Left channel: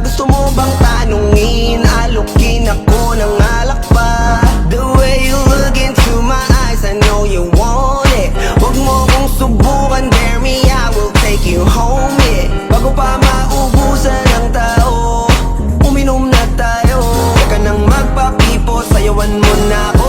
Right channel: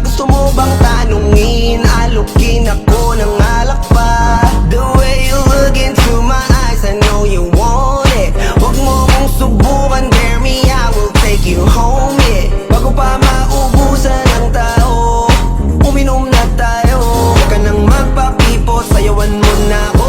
Gusto mo bang tanungin? Alukin ako ng alak pa. The way you look into my eyes, I know you want it. Huwag mo kong subukan, dare me, I will take you home, yeah. Bago pa maubusan ng tao, uminom na tayo. Huwag ka nang magpakipot, sayawan mo na ako.